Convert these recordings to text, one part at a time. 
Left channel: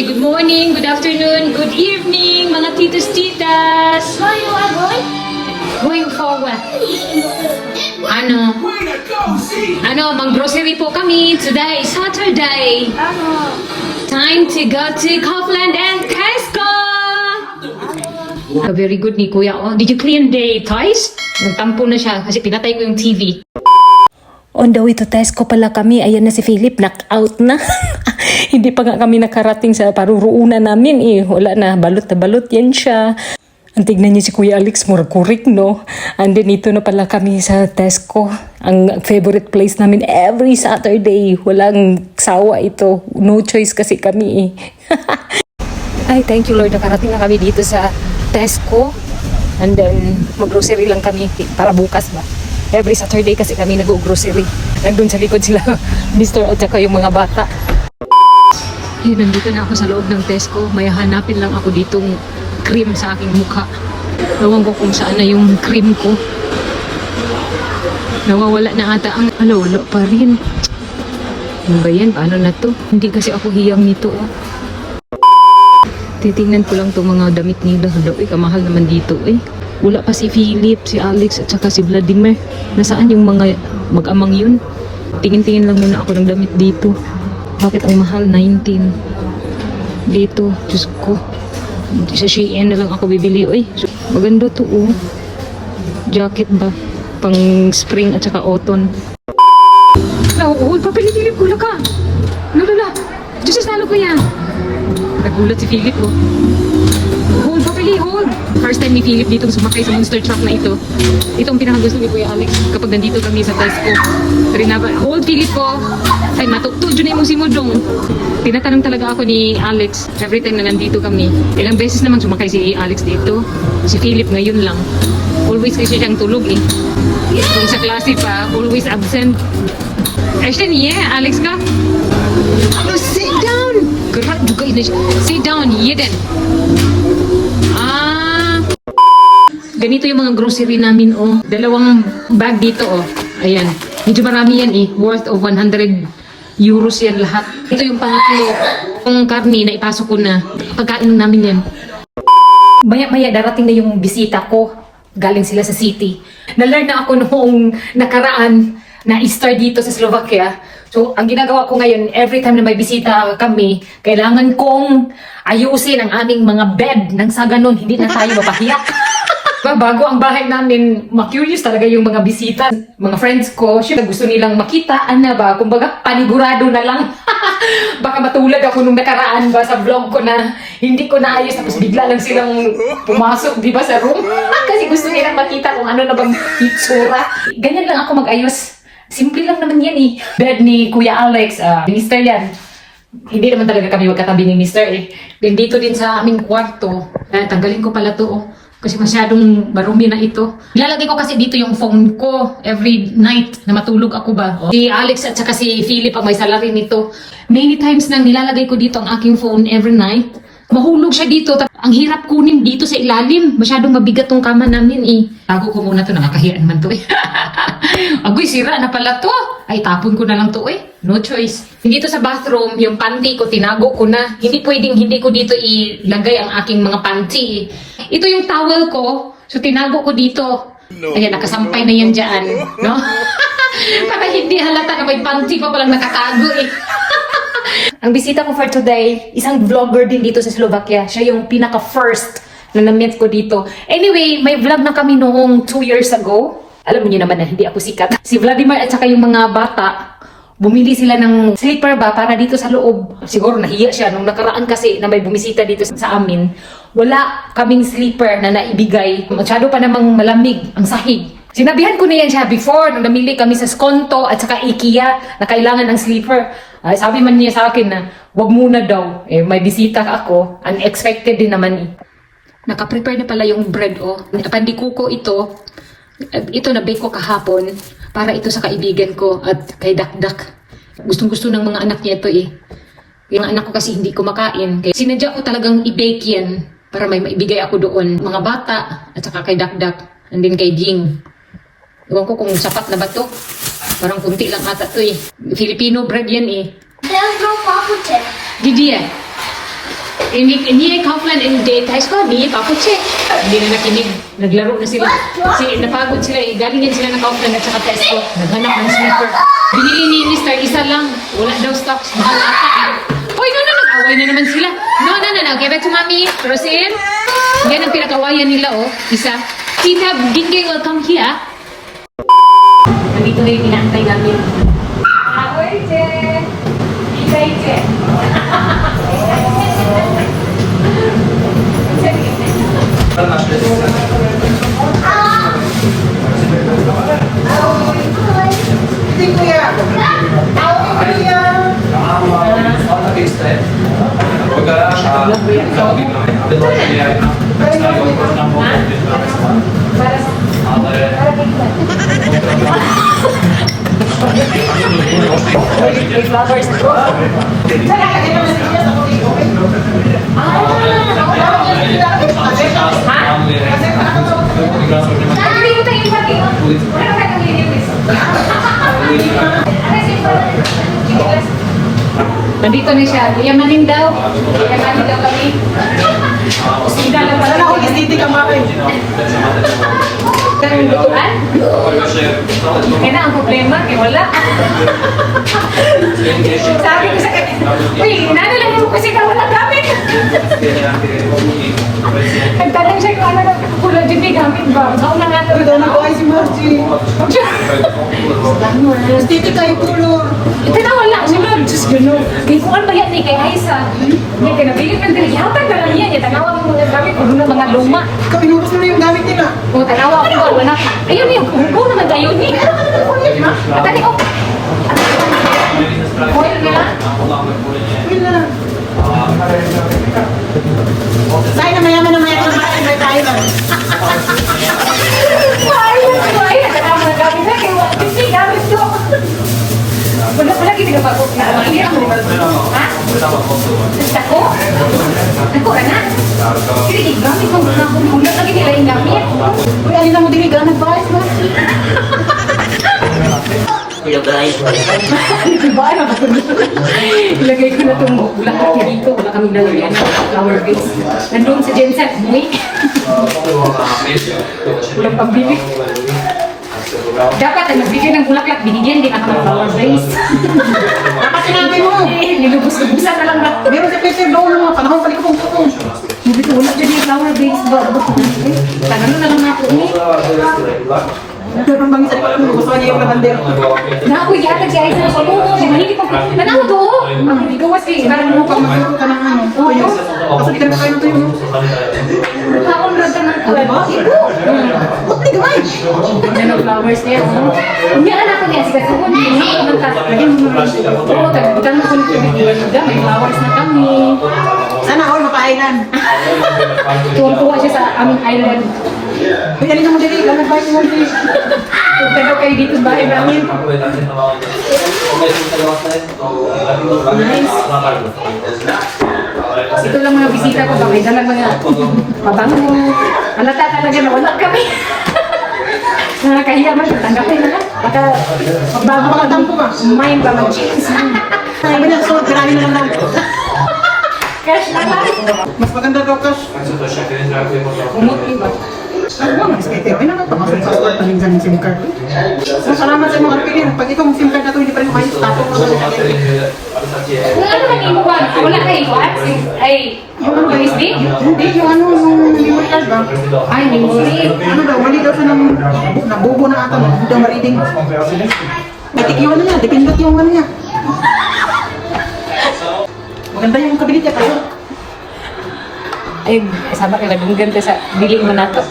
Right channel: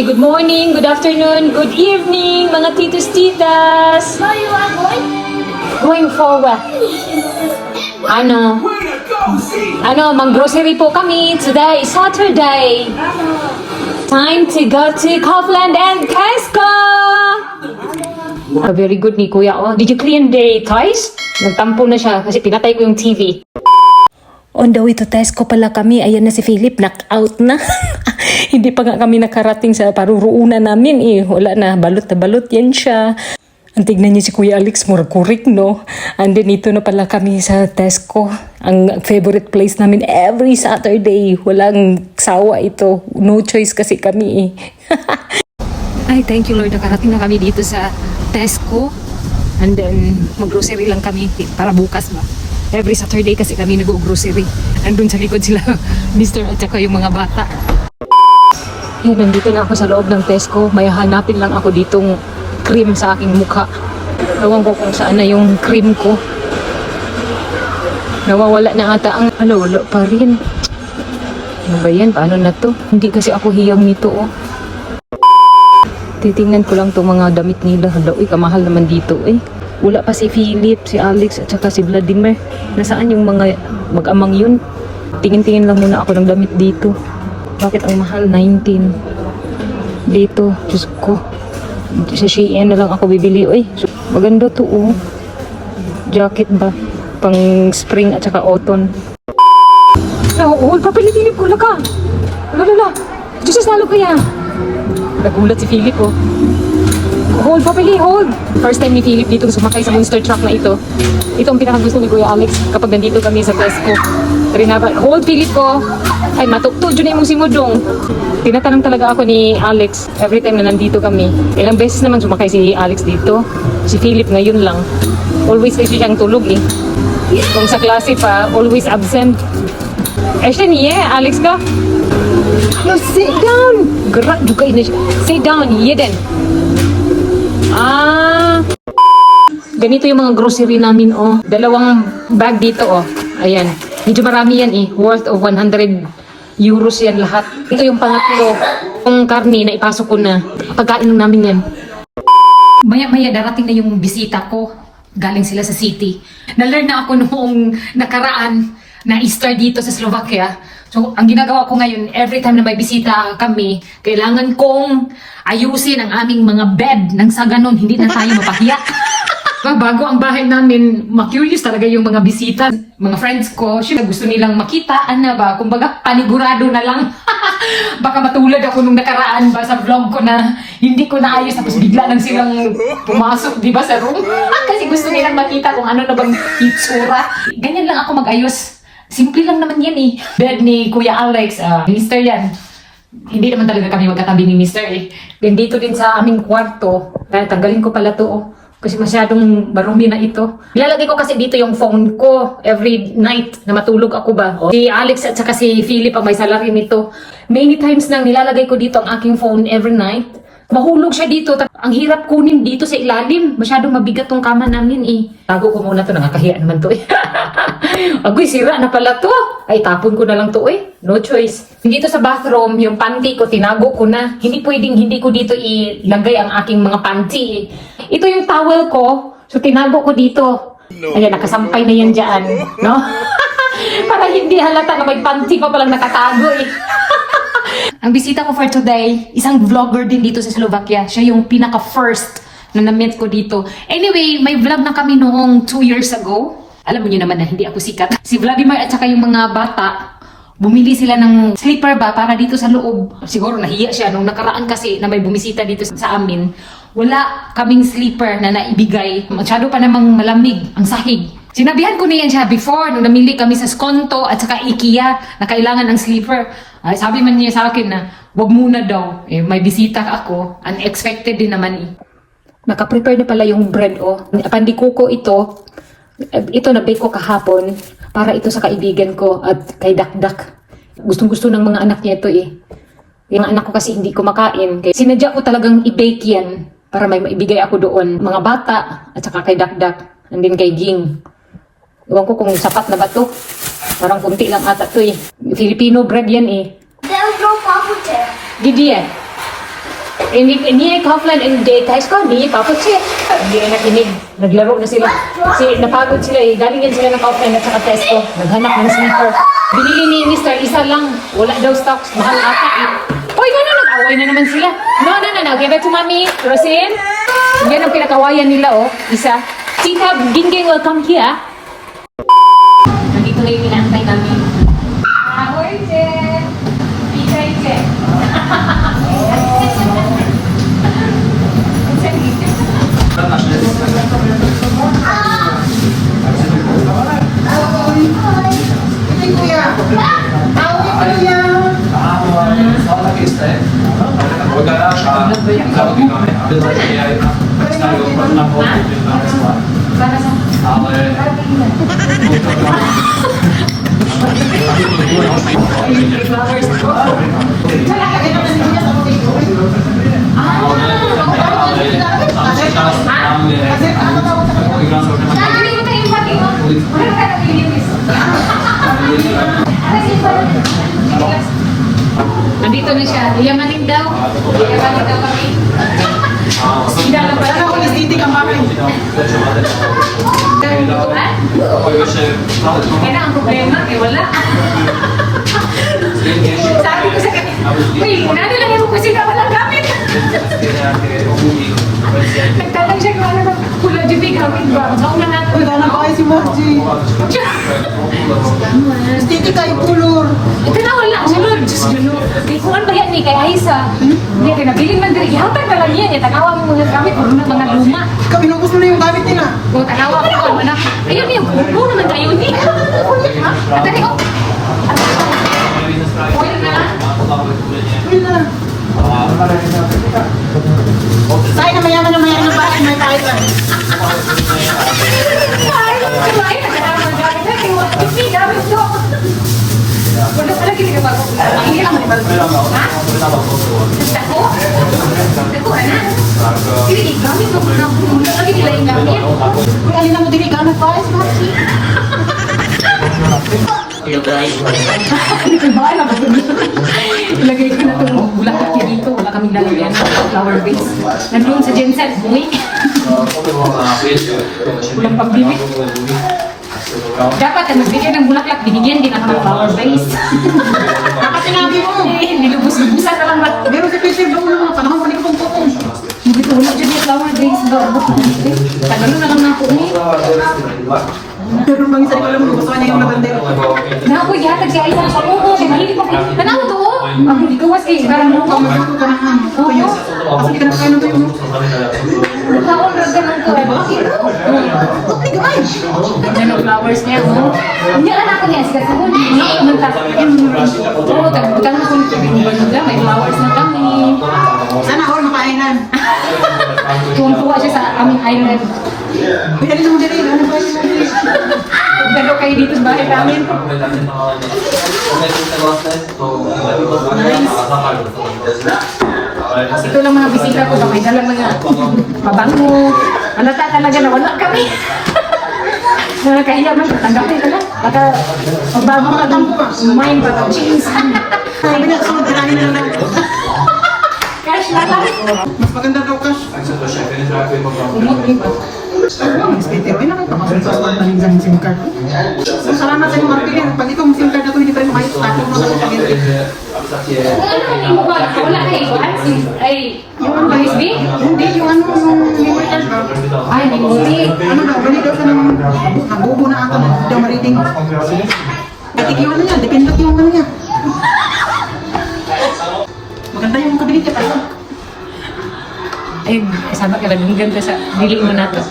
Good morning, good afternoon, good evening, mga titos, titas. Where you are going? Going forward. Mag-grocery po kami. Today is Saturday. Time to go to Kaufland and Tesco. Very good ni Kuya. Oh, did you clean the toys? Nagtampo na siya kasi pinatay ko yung TV. On the way to Tesco pala kami. Ayan na si Philip, knock-out na. Hindi pa nga kami nakarating sa paruruunan namin eh. Wala na, balot na balot yan siya. Ang tignan niyo si Kuya Alex, murag-kurik no. And then ito na pala kami sa Tesco. Ang favorite place namin every Saturday. Walang sawa ito. No choice kasi kami eh. Ay, thank you Lord. Nakarating na kami dito sa Tesco. And then, mag-grocery lang kami para bukas ba. Every Saturday kasi kami nag-grocery. Nandun sa likod sila, Mr. at saka yung mga bata. Eh, nandito na ako sa loob ng Tesco. May hanapin lang ako ditong cream sa aking mukha. Ewan ko kung saan na yung cream ko. Nawawala na ata ang wala pa rin. Ano ba yan? Paano na to? Hindi kasi ako hiyang nito oh. Titingnan ko lang itong mga damit nila. Hala, kamahal naman dito eh. Wala pa si Philip, si Alex at saka si Vladimir. Nasaan yung mga mag-amang yun? Tingin-tingin lang muna ako ng damit dito. Bakit ang mahal? 19. Dito, Diyos ko. Sa Shein na lang ako bibili. Uy, maganda to oh. Jacket ba? Pang spring at saka autumn. Oo, papili-Philip ko ka. Lala, Diyos sa salo ko yan. Nagulat si Philip oh. Hold, papili, hold! First time ni Philip dito sumakay sa monster truck na ito. Ito ang pinakagusto ni Kuya Alex kapag nandito kami sa Tesco. Hold, Philip ko! Ay, matukto, dyan na yung simudong. Tinatanong talaga ako ni Alex every time na nandito kami. Ilang beses naman sumakay si Alex dito. Si Philip ngayon lang. Always kasi siyang tulog eh. Kung sa klase pa, always absent. Actually, yeah, Alex ka? No, sit down! Gerak juga ini. Sit down, Yeden. Ganito yung mga grocery namin oh. Dalawang bag dito oh. Ayan. Medyo marami yan eh. Worth of 100 euros yan lahat. Ito yung pangatlo. Yung karne na ipasok ko na. Pagkain namin yan. Maya-maya darating na yung bisita ko. Galing sila sa city. Na-learn na ako noong nakaraan na Easter dito sa Slovakia. So, ang ginagawa ko ngayon, every time na may bisita kami, kailangan kong ayusin ang aming mga bed nang sa ganun, hindi na tayo mapahiya. Bago ang bahay namin, ma-curious talaga yung mga bisita. Mga friends ko, syempre gusto nilang makita, ano ba, kumbaga panigurado na lang. Baka matulad ako nung nakaraan ba sa vlog ko na hindi ko naayos, tapos bigla lang silang pumasok, di ba, sa room. Kasi gusto nilang makita kung ano na bang itsura. Ganyan lang ako mag-ayos. Simple lang naman yan eh. Bed ni Kuya Alex, Mr. yan. Hindi naman talaga kami magkatabi ni Mr. eh. Then dito din sa aming kwarto, tanggalin ko pala to oh. Kasi masyadong marumi na ito. Nilalagay ko kasi dito yung phone ko every night na matulog ako ba. Oh. Si Alex at saka si Philip ang may salary nito. Many times nang nilalagay ko dito ang aking phone every night. Mahulog siya dito. Ang hirap kunin dito sa ilalim. Masyadong mabigat tong kama namin eh. Tago ko muna to. Nakakahiya naman to eh. Agoy, sira na pala to. Ay, tapon ko na lang to eh. No choice. Dito sa bathroom, yung panty ko, tinago ko na. Hindi pwedeng hindi ko dito ilagay ang aking mga panty eh. Ito yung towel ko. So, tinago ko dito. Ayan, nakasampay na yan dyan. No? Para hindi halata na may panty ko palang nakatago eh. Ang bisita ko for today, isang vlogger din dito sa Slovakia. Siya yung pinaka-first na na-meet ko dito. Anyway, may vlog na kami noong 2 years ago. Alam mo niyo naman na hindi ako sikat. Si Vladimir at saka yung mga bata, bumili sila ng sleeper ba para dito sa loob. Siguro nahiya siya nung nakaraan kasi na may bumisita dito sa amin. Wala kaming sleeper na naibigay. Masyado pa namang malamig ang sahig. Sinabihan ko na yan siya before nung namili kami sa Skonto at saka IKEA na kailangan ng sleeper. Sabi man niya sa akin na wag muna daw. Eh, may bisita ako. Unexpected din naman eh. Naka-prepare na pala yung bread oh. Pandikuko ito. Ito na bake ko kahapon para ito sa kaibigan ko at kay Dakdak. Gustong-gusto ng mga anak niya ito eh. Yung anak ko kasi hindi kumakain. Kaya sinadya ko talagang i-bake yan para may maibigay ako doon. Mga bata at saka kay Dakdak. And then kay Ging. Iwan ko kung sapat na ba to. Parang kunti lang ata to eh. Filipino bread yan eh. There's no coffee there. Gigi eh. Ni ay Kaufland and Day High School, di tapos siya. Hindi na nakinig. Naglaro na sila. Kasi napagod sila eh. Galing yan sila ng Kaufland at saka Tesco. Naghanap ng sleeper. Binili ni Mr. Isa lang. Wala daw stocks. Mahal ata eh. Hoy, no, nag-away na naman sila. No. Give it to mommy. Rosin. Yan ang pinakawayan nila oh. Isa. Tita, Gingging, welcome here. Nandito na yung inaantay namin. Ahoy, Je. Ikay, Je. Nandito na siya. Yamanin daw. Yamanin daw kami. Sina na para ako nasiti kang bakit. Kaya yung lutuan? Kaya na ang problema. Kaya wala. Sabi ko sa kanya, uy, kunano lang yung kusina wala gamit. Nagtalang siya yung ano, pula dyan may gamit ba? Kauna natin. Uy, na ko ay si Margie. Titi kayo kulor. Ito na wala siya nun. Diyos gano'n. Di ko ba yan eh, kay Aisa. Hindi ka nabilin man diri. Hatag na lang yan. Tangawa mo mga gamit. Kung ano mga luma. Ikaw, inubos mo na yung gamit nila. Kung tangawa ko ba, wala. Ayun yung, kung naman tayo ni. At tani ko. Oil nila. Yun na. Sa'yo na mayaman ng mayaman ba? May tayo ba? Ay, nakakama gamit na. Kaya hindi gamit ko. Wala pala gini ka ba ko? Mahirap mo ba? Ha? Basta ko? Ako ka na? Sige, gamit mo na ako muna. Lagi nila yung gamit. Uy, alin na mo dili ka? Nagbayas mo. Bahay na ba? Ilagay ko na itong lahat niya dito. Wala kaming lalagyan ng flower base. Nandun sa genset. Wait. Walang pambibig. Dapat na magbigay ng bulaklak, binigyan din ako ng flower vase. Dapat sinabi mo. Nilubos-lubusan ka lang ba? Meron sa picture doon ng mga panahon. Pali ko pong photo. Sabi ko, wala dyan yung flower vase ba? Kagano na lang ako eh. Mangisan ko lang. Gusto niya yung nabandera. Naku, yata siya isa na pamungo. Mahilig ko. Nanaw to. Ang bigawas kay Garang mo. Pagmasuot ka ng ano. Tuyo. Kasi di ka na kayo ng tuyo. Kaon na ka ng kuwan. Buti ka ay. Yan ang flowers niya, oh. Hindi alam ako niya, sikat sabon. Hindi ako nagkakagin mo rin. Oo, tagbutan mo kung nagkakagin. May flowers na kami. Sana all maka-island. Tuwang-tuwa siya sa aming island. Uy, alin na mo dili. Gano'n ba yung dili? Pero kayo dito sa bahay namin. Ito lang mga bisita ko, bakit dala mga mabango. Alata talaga na wala kami. Nakakahiya man, tanggapin na lang. Baka bago ka lang kumain pa ng jeans. Sabi na, so, grabe na lang daw. Cash na lang. Mas maganda daw, Cash. Mas kete, ay naman pa rin sa SIM card. Salamat sa mga marketing. Pag itong SIM card na ito, hindi pa rin makayos. Ako mo sa Ano naman yung ba? Wala kayo ba? Ay, yung ano ba, SB? Hindi, yung ano, yung memory card ba? Ay, hindi. Ano daw, mali daw siya ng nabubo na ata, daw ma-reading. Natigiwan na niya, dependent yung ano niya. Maganda yung kabinet niya tayo. Ay, sabi ka, nagbugan ko sa bili mo na to.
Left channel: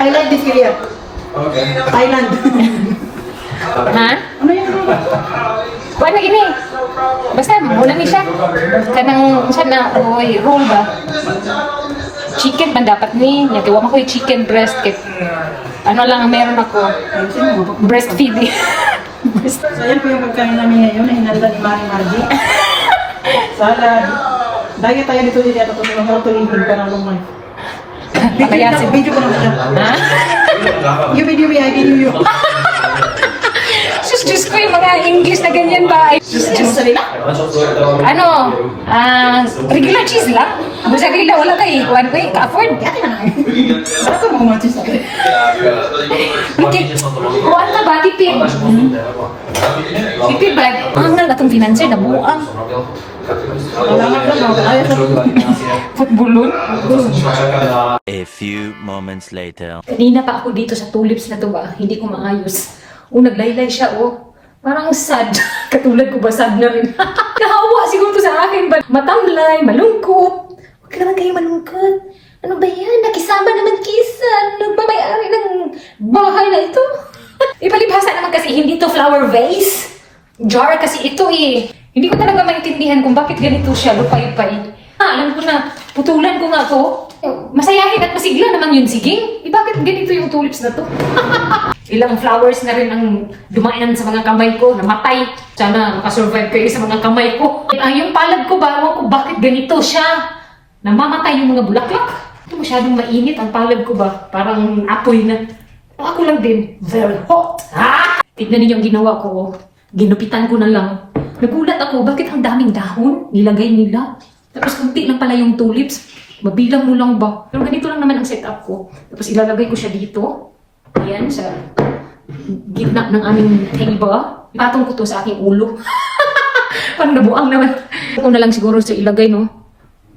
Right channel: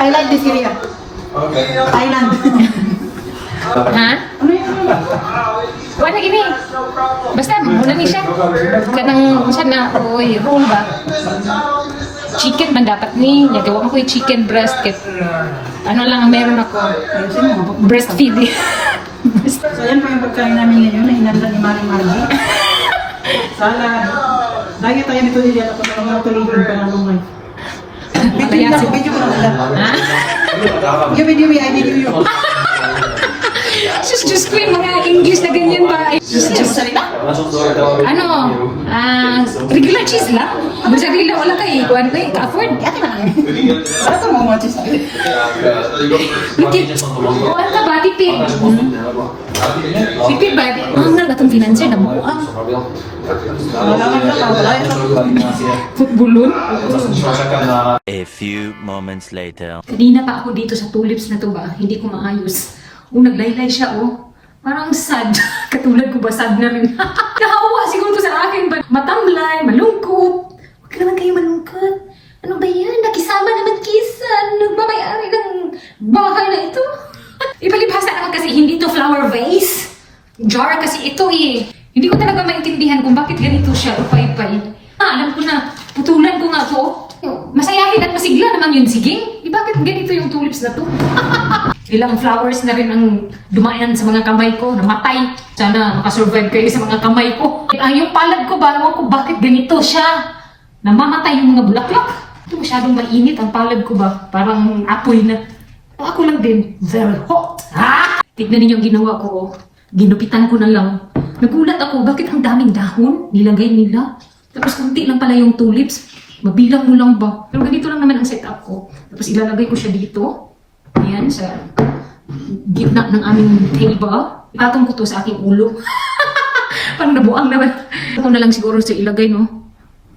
I like this area. Thailand. Ha? Ano yun? Wala gini. Basta, wala ni siya. Kanang siya na, oy, roll ba? Chicken man dapat ni. Nagawa ko yung chicken breast. Ano lang ang meron ako. Breastfeed. So yan po yung pagkain namin ngayon na hinanda ni Maring Margie. Salad. Dahil tayo dito nila at ito mga tuligin pa ng lumay. Video ko na maganda. Ha? Yung video may ID niyo. Diyos ko yung mga English na ganyan ba? Ano sa nila? Ano? Regular cheese lang? Kung sa nila, wala kayo. Kuhan kayo, ka-afford. Yati na nga eh. Para ka mga matches na Bakit? Kuhan ka ba? Tipid. Tipid ba? Ang na itong financier na mo. Malaman ka na. Ay, sa Putbulon. A few moments later. Kanina pa ako dito sa tulips na to ba? Hindi ko maayos. Naglaylay siya, Parang sad. Katulad ko ba, sad na rin. Nahawa siguro to sa akin ba? Matamlay, malungkot. Huwag ka naman kayo malungkot. Ano ba yan? Nakisama naman kisa. Nagmamayari ng bahay na ito. Ipalibhasa naman kasi hindi to flower vase. Jar kasi ito eh. Hindi ko talaga maintindihan kung bakit ganito siya, lupay-pay. Alam ko na, putulan ko nga to. Masayahin at masigla naman yun, sige. Bakit ganito yung tulips na to? Ilang flowers na rin ang dumaan sa mga kamay ko, namatay. Sana makasurvive kayo sa mga kamay ko. Yung palad ko ba, ewan ko bakit ganito siya. Namamatay yung mga bulaklak. Ito masyadong mainit ang palad ko ba, parang apoy na. Ako lang din, very hot. Tignan ninyo ang ginawa ko. Ginupitan ko na lang. Nagulat ako, bakit ang daming dahon nilagay nila? Tapos kunti lang pala yung tulips. Mabilang mo lang ba? Pero ganito lang naman ang setup ko. Tapos ilalagay ko siya dito. Ayan, sa gitna ng aming table. Ipatong ko to sa aking ulo. Parang nabuang naman. Ito na lang siguro sa ilagay, no?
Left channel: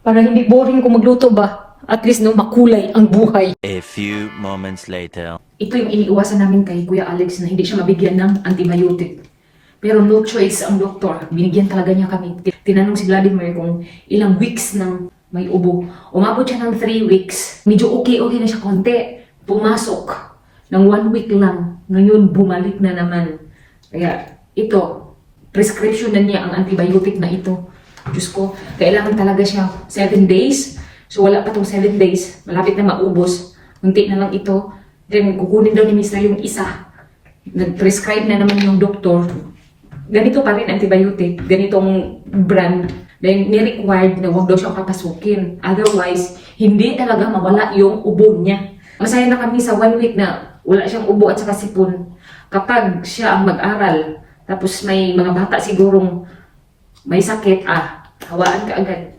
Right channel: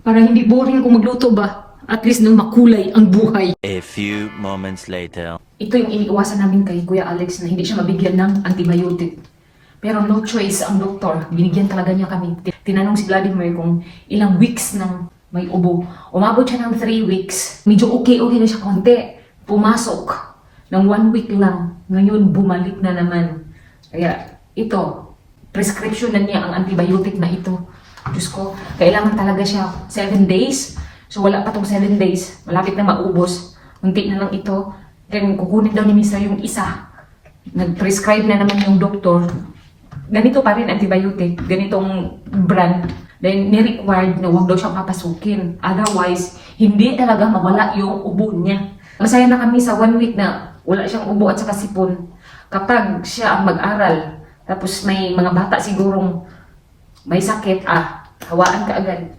Para hindi boring kung magluto ba? At least, no, makulay ang buhay. A few moments later. Ito yung iniiwasan namin kay Kuya Alex na hindi siya mabigyan ng antibiotic. Pero no choice ang doktor. Binigyan talaga niya kami. Tinanong si Vladimir kung ilang weeks nang may ubo. Umabot siya ng 3 weeks. Medyo okay na siya konti. Pumasok ng 1 week lang. Ngayon, bumalik na naman. Kaya ito, prescription na niya ang antibiotic na ito. Diyos ko, kailangan talaga siya 7 days. So wala pa tong 7 days. Malapit na maubos. Unti na lang ito. Then kukunin daw ni Mr. yung isa. Nag-prescribe na naman yung doktor. Ganito pa rin antibiotic. Ganitong brand. Then ni-required na huwag daw siyang papasukin. Otherwise, hindi talaga mawala yung ubo niya. Masaya na kami sa 1 week na wala siyang ubo at saka sipon. Kapag siya ang mag-aral, tapos may mga bata sigurong may sakit, hawaan ka agad.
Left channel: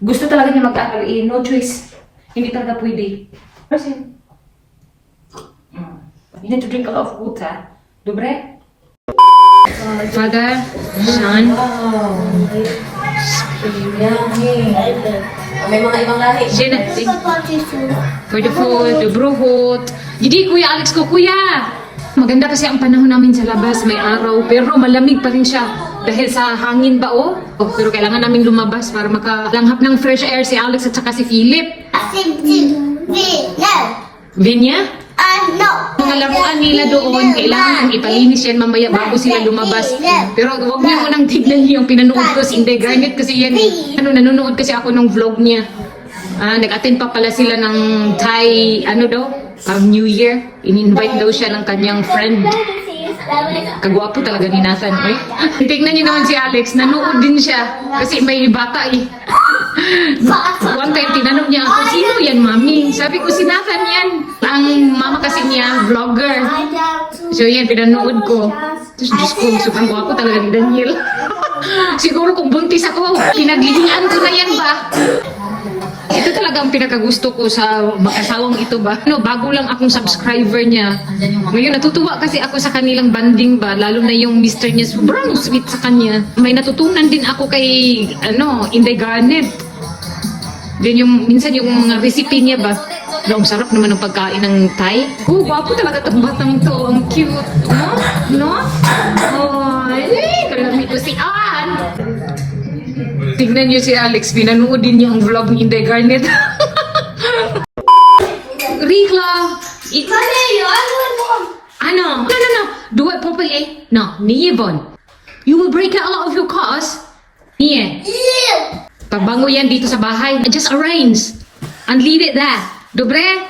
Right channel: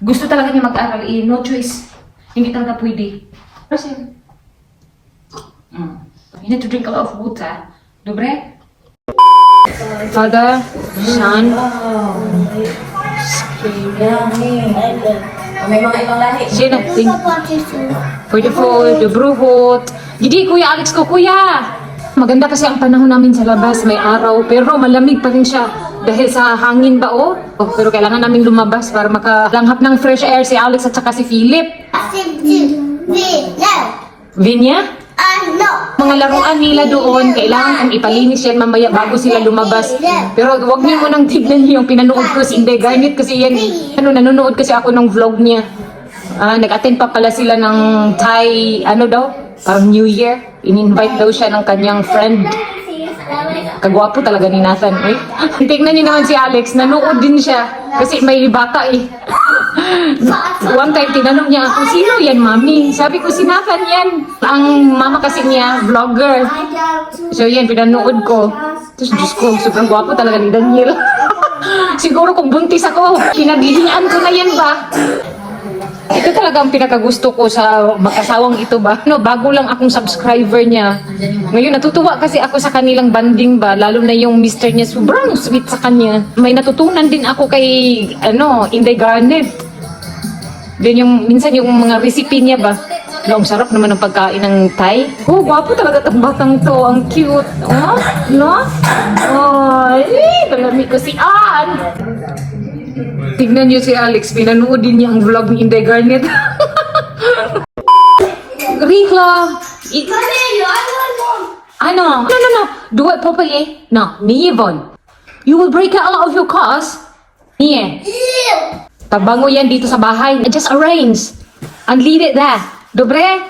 Gusto talaga niya mag-aral, no choice. Hindi talaga pwede. Kasi, you need to drink a lot of water. Dobre? Father, Son, May mga ibang lahi. Sino? For the food, the bruhot. Hindi, Kuya Alex ko, Kuya! Maganda kasi ang panahon namin sa labas, may araw, pero malamig pa rin siya. Dahil sa hangin ba, pero kailangan namin lumabas para makalanghap ng fresh air si Alex at saka si Philip. Vinya? Mga laruan nila doon, kailangan ang ipalinis yan mamaya bago sila lumabas. Pero huwag niyo munang tignan niyo yung pinanood ko si Inday Garnet kasi yan, nanonood kasi ako ng vlog niya. Nag-attend pa pala sila ng Thai, parang New Year. In-invite daw siya ng kanyang friend. Kagwapo talaga ni Nathan. Tignan niyo naman si Alex, nanood din siya kasi may bata One time, tinanong niya ako, sino yan, mami? Sabi ko, si Nathan yan. Ang mama kasi niya, vlogger. So yan, pinanood ko. Tapos, Diyos ko, sobrang gwapo talaga ni Daniel. Siguro kung buntis ako, pinaglilian ko na yan ba? Ito talaga ang pinakagusto ko sa mag-asawang ito ba? Bago lang akong subscriber niya. Ngayon, natutuwa kasi ako sa kanilang banding ba? Lalo na yung mister niya, sobrang sweet sa kanya. May natutunan din ako kay, Inday Garnet. Then minsan yung mga recipe niya ba? Ang sarap naman ng pagkain ng Thai. Gwapo talaga itong batang to. Ang cute. No? Kailangan ko si Ann. Tignan niyo si Alex, pinanood din niya ang vlog ni Inday Garnet. Rikla! No. Do it properly. No, ni Yvonne. You will break out a lot of your cars. Yeah. Pagbango yan dito sa bahay. Just arrange. And leave it there. Dobre?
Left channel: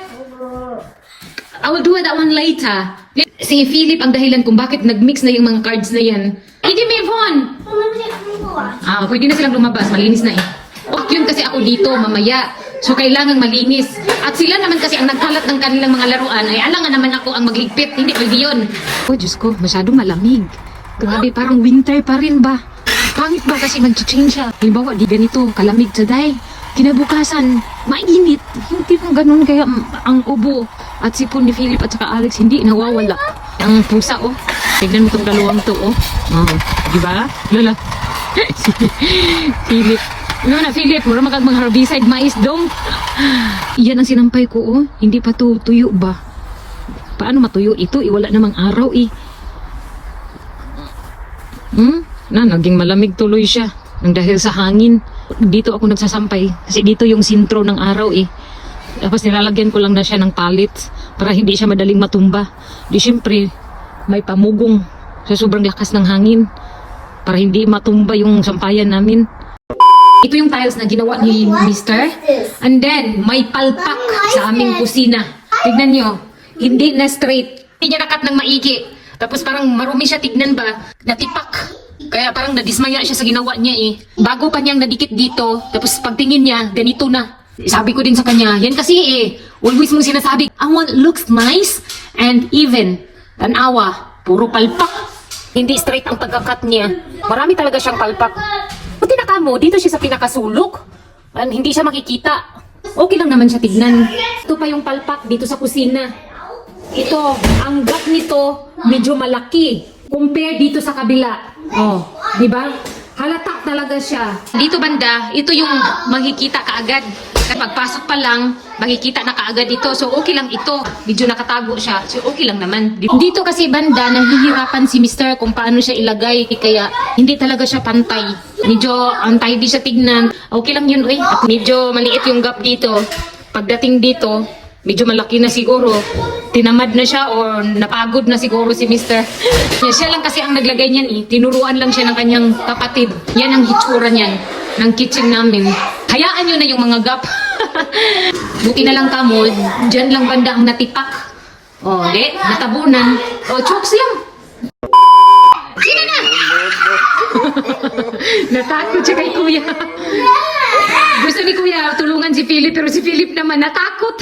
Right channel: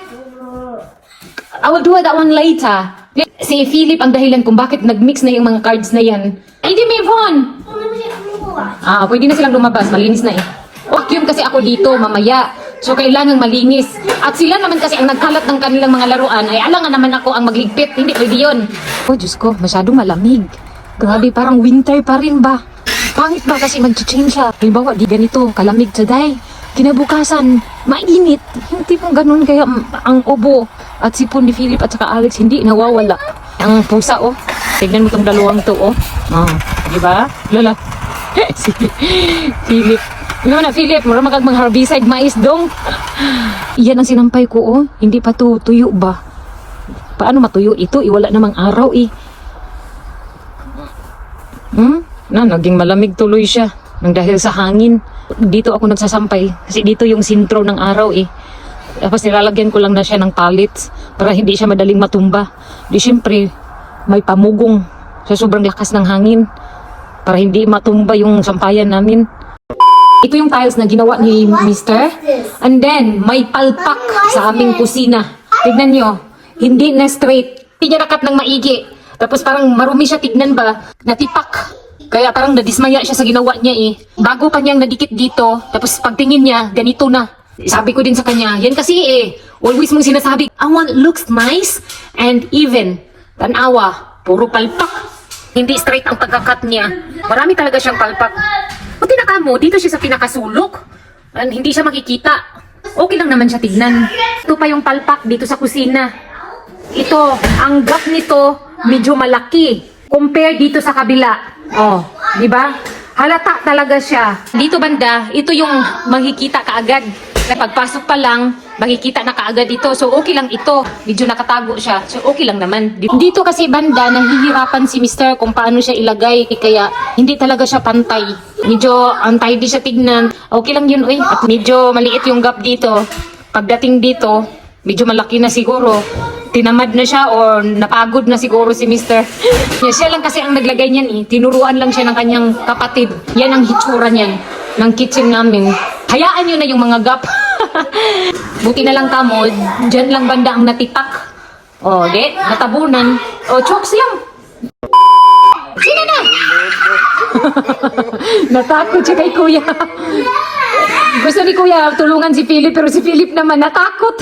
I will do that one later. Si Philip ang dahilan kung bakit nag-mix na yung mga cards na yan. Hindi, Yvonne! Pwede na silang lumabas. Malinis na yun kasi ako dito mamaya. So, kailangang malinis. At sila naman kasi ang nagkalat ng kanilang mga laruan, ay alangan naman ako ang magligpit. Hindi pwede yun. Oh, Diyos ko, masyadong malamig. Grabe, parang winter pa rin ba? Pangit ba kasi mag-change siya? Halimbawa, di ganito, kalamig today. Kinabukasan, mainit. Hindi mo ganun kaya ang ubo at sipon ni Philip at saka Alex hindi nawawala. Ang pusa, oh. Tignan mo itong dalawang to, oh. Di ba? Lala. Si Philip. Ano na, Philip? Mura magag mga herbicide mais dong. Yan ang sinampay ko, oh. Hindi pa to tuyo ba? Paano matuyo ito? Wala namang araw, eh. Naging malamig tuloy siya. Nang dahil sa hangin. Dito ako nagsasampay. Kasi dito yung sintro ng araw, eh. Tapos nilalagyan ko lang na siya ng pallets para hindi siya madaling matumba. Di syempre, may pamugong sa sobrang lakas ng hangin para hindi matumba yung sampayan namin. Ito yung tiles na ginawa ni Mr. And then, may palpak sa aming kusina. Tignan nyo, hindi na straight. Hindi niya nakat ng maigi. Tapos parang marumi siya, tignan ba? Natipak. Kaya parang nadismaya siya sa ginawa niya eh. Bago pa niyang nadikit dito, tapos pagtingin niya, ganito na. Sabi ko din sa kanya, yan kasi eh, always mong sinasabi, I want looks nice and even. Tanawa, puro palpak. Hindi straight ang pagkakat niya. Marami talaga siyang palpak. Buti na kamo, dito siya sa pinakasulok. And hindi siya makikita. Okay lang naman siya tignan. Ito pa yung palpak dito sa kusina. Ito, ang gap nito, medyo malaki. Compare dito sa kabila. Oh, di ba? Halata talaga siya. Dito banda, ito yung makikita kaagad. Pagpasok pa lang, makikita na kaagad dito. So, okay lang ito. Medyo nakatago siya. So, okay lang naman. Dito kasi banda, nahihirapan si Mr. kung paano siya ilagay. Kaya, hindi talaga siya pantay. Medyo untidy siya tignan. Okay lang yun, At medyo maliit yung gap dito. Pagdating dito, medyo malaki na siguro. Tinamad na siya o napagod na siguro si Mr. Siya lang kasi ang naglagay niyan eh. Tinuruan lang siya ng kanyang kapatid. Yan ang hitsura niyan ng kitchen namin. Hayaan nyo na yung mga gap. Buti na lang kamo, dyan lang banda ang natipak. O, natabunan. O, chokes lang. Sino na? Natakot siya kay kuya. Gusto ni kuya tulungan si Philip pero si Philip naman natakot.